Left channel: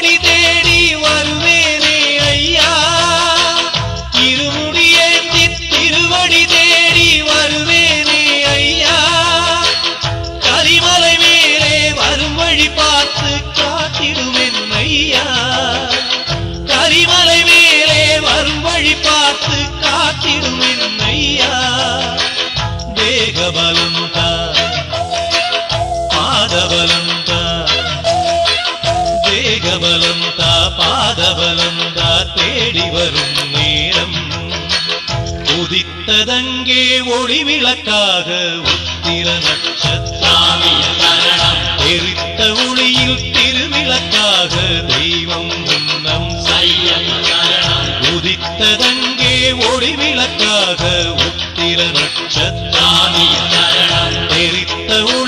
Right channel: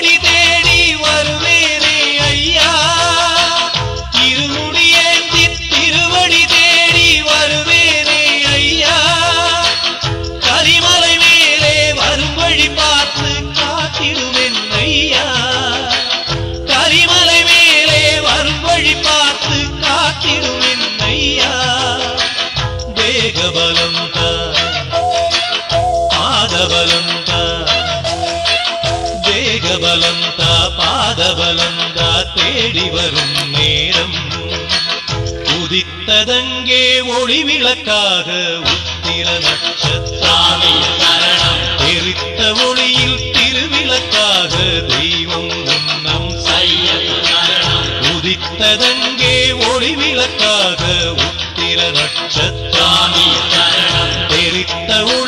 திருவடி தேடி வருவேனே ஐயா, இருமுடியேந்தி திருவடி தேடி வருவேனே ஐயா, கரிமலை மேலே வரும் வழி பார்த்து காத்திடுவேன் ஐயா, கரிமலை மேலே வரும் வழி பார்த்து காத்திடுவேன் ஐயா. தேகபலம் தா, பாதபலம் தா, தேகபலம் தா, பாதபலம் தா, தேடி வரும் நேரம் உதித்ததங்கே ஒளி விளக்காக உத்திர நட்சத்திரம், எரித்த ஒளியில் திருவிளக்காக தெய்வம் முன்னம் செல்லும், உதித்ததங்கே ஒளி விளக்காக உத்திர நட்சத்திரம், எரித்த ஒளி